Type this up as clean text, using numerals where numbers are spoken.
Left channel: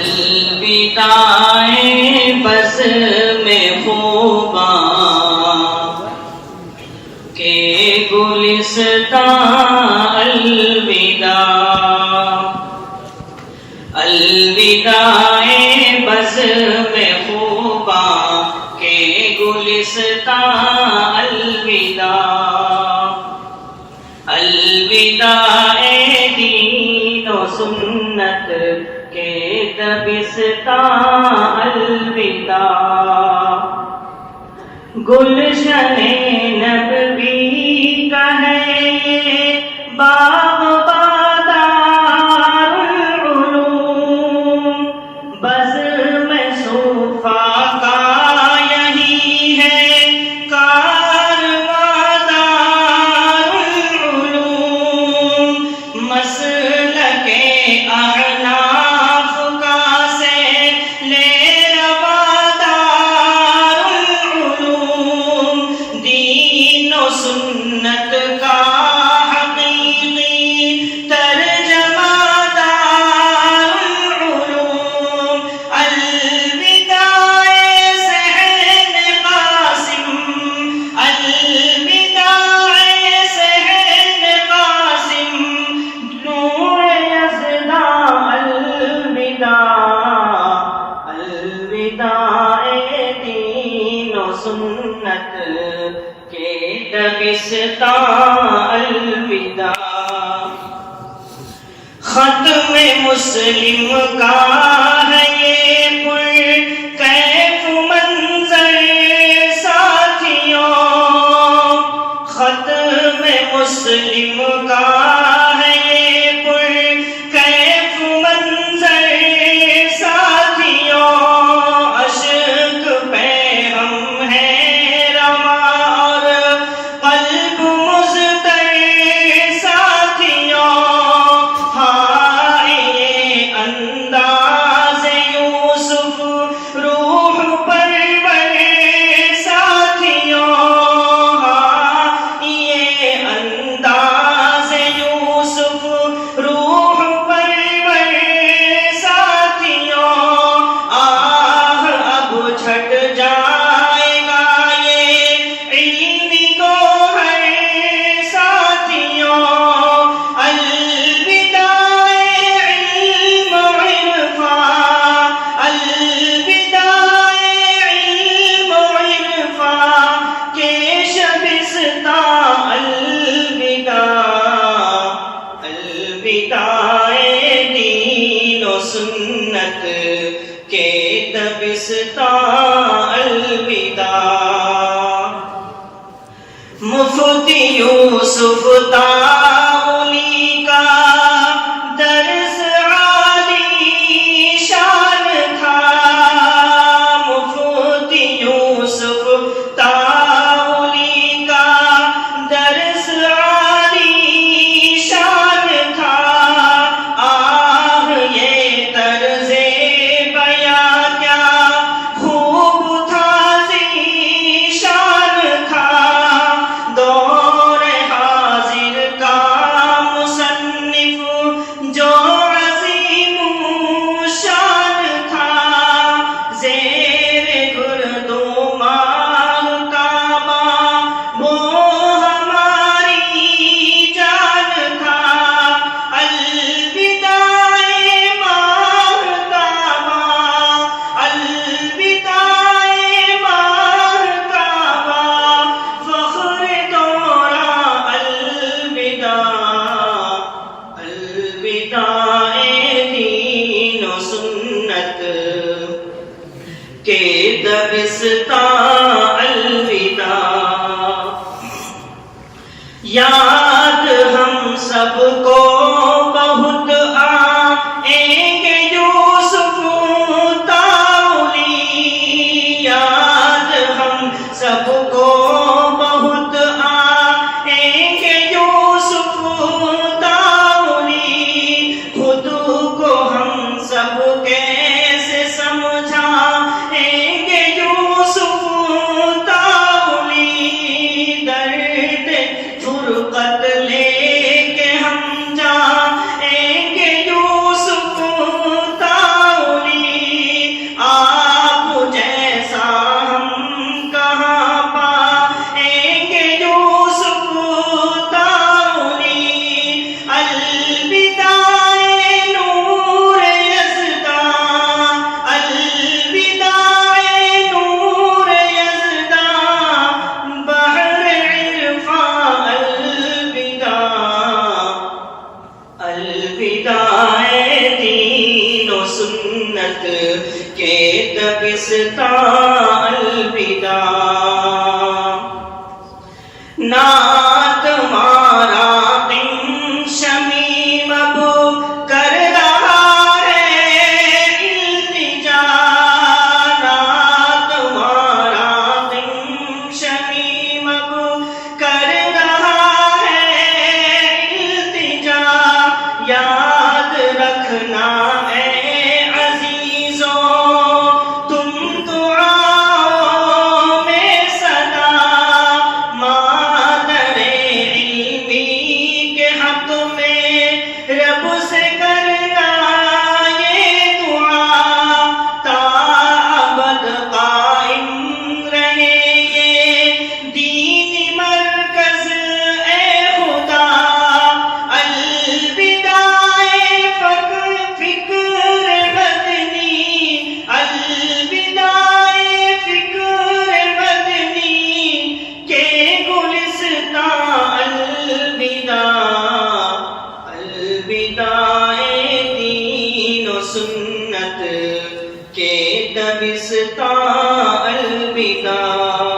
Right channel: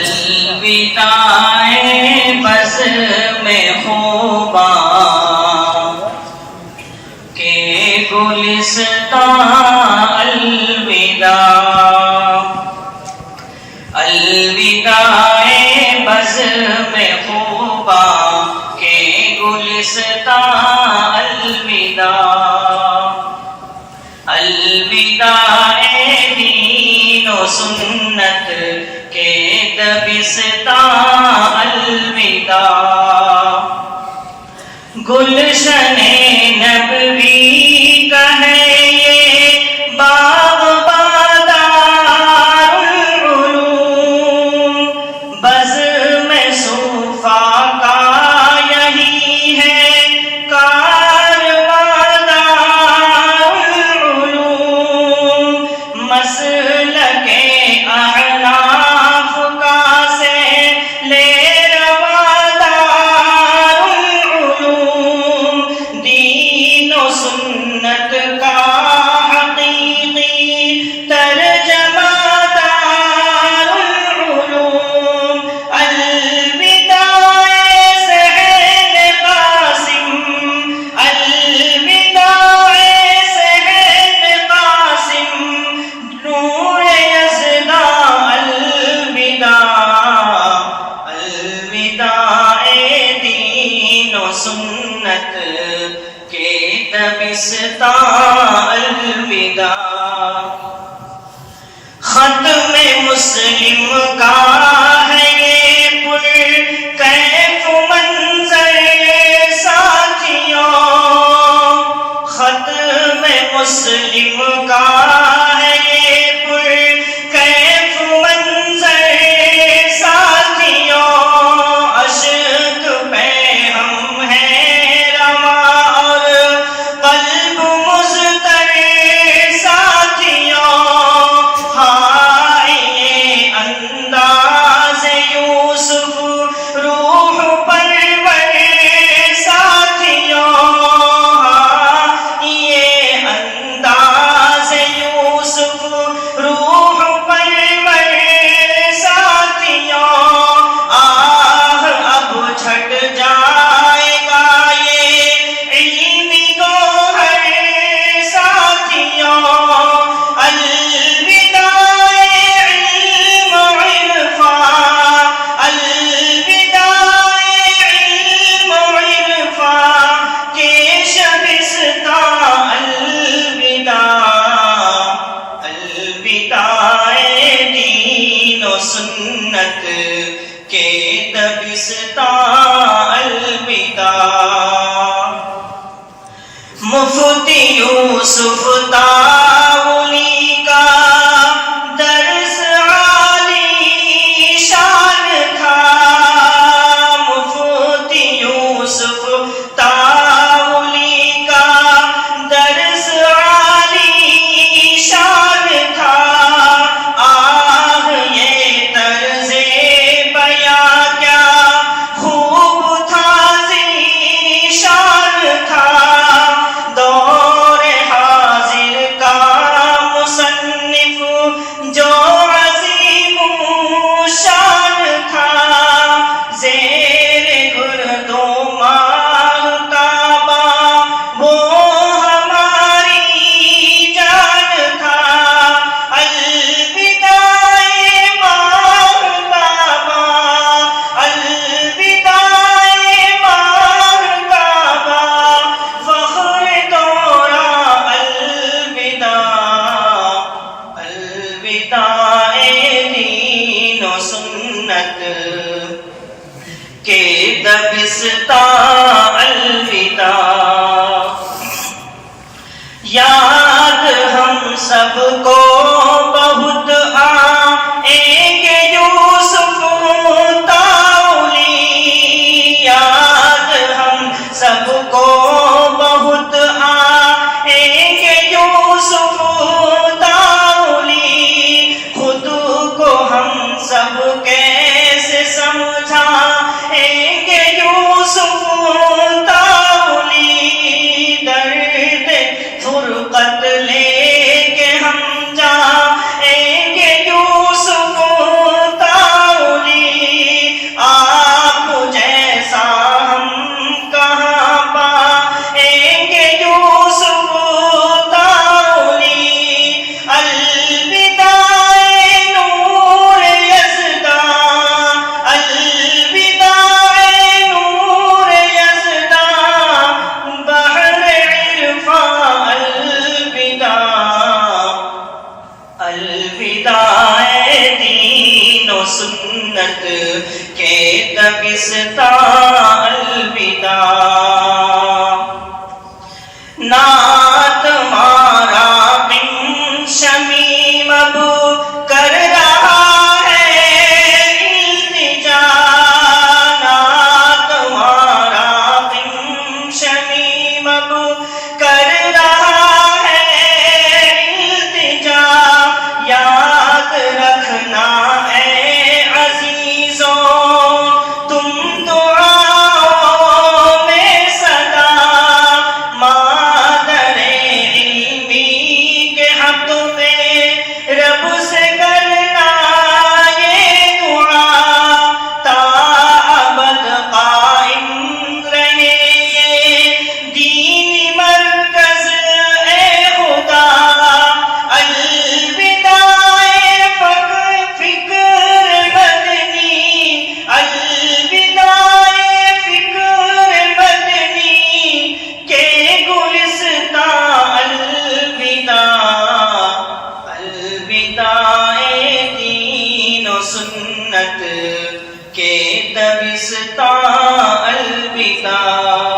الوداع بزم خوباں کے گلستاں الوداع الوداع بزم خوباں کے گلستاں الوداع الوداع دین و سنت کے دبستاں الوداع گلشن نبوی کا ہے یہ باغ بادار العلوم بزم صوفیٰ کا یہی ہے کارواں دار العلوم مسلک احناف کا سے لے سنت کا حقیقی ترجمہ دار العلوم الوداع سہل قاسم الوداع سہل قاسم نور یزداں الوداع الوداع دین و سنت کے دبستاں الوداع ختم مسلم کا ہے یہ پر کیف منظر ساتھیوں ختم مسلم کا ہے یہ پر کیف منظر ساتھیوں اشک پہ ہم ہیں رواں قلب مضطر ساتھیوں ہائے یہ انداز یوسف روح پرور ساتھیوں ہائے یہ انداز یوسف روح پرور ساتھیوں آہ اب چھٹ جائے گا یہ علمی الوداع دین و سنت کے دبستاں الوداع مفتی یوسف تاولی کا درس عالی شان تھا مفتی یوسف تاولی کا درس عالی شان تھا آہ یہ طرز بیاں کیا خوب تھا ذیشان تھا دور حاضر کا مصنف جو عظیم شان تھا زیر گرد و ماہتابہ وہ ہماری جان تھا الوداع ماہتابہ الوداع ماہتابہ فخر دورہ الوداع الوداع دین و سنت کے دبستاں الوداع یاد ہم سب کو بہت آئیں گے یوسف تاولی یاد ہم سب کو بہت آئیں گے یوسف تاولی خود کو ہم سب کیسے سمجھائیں گے یوسف تاولی درد فرقت لے کے ہم جائیں گے یوسف تاولی سنت کے دبستان الوداع نعت مارا بن شمیم اب کر رہا ہے التجا نعت مارا بن شمیم اب کر رہا ہے التجا یاد رکھنا اے عزیزوں تم دعاؤں میں صدا مادر علمی کے حق میں رب سے کرنا یہ دعا تا ابد قائم رہے یہ دین مرکز اے خدا الوداع فکر مدنی الوداع فکر مدنی کے گلستان الوداع دین و سنت کے دبستان الوداع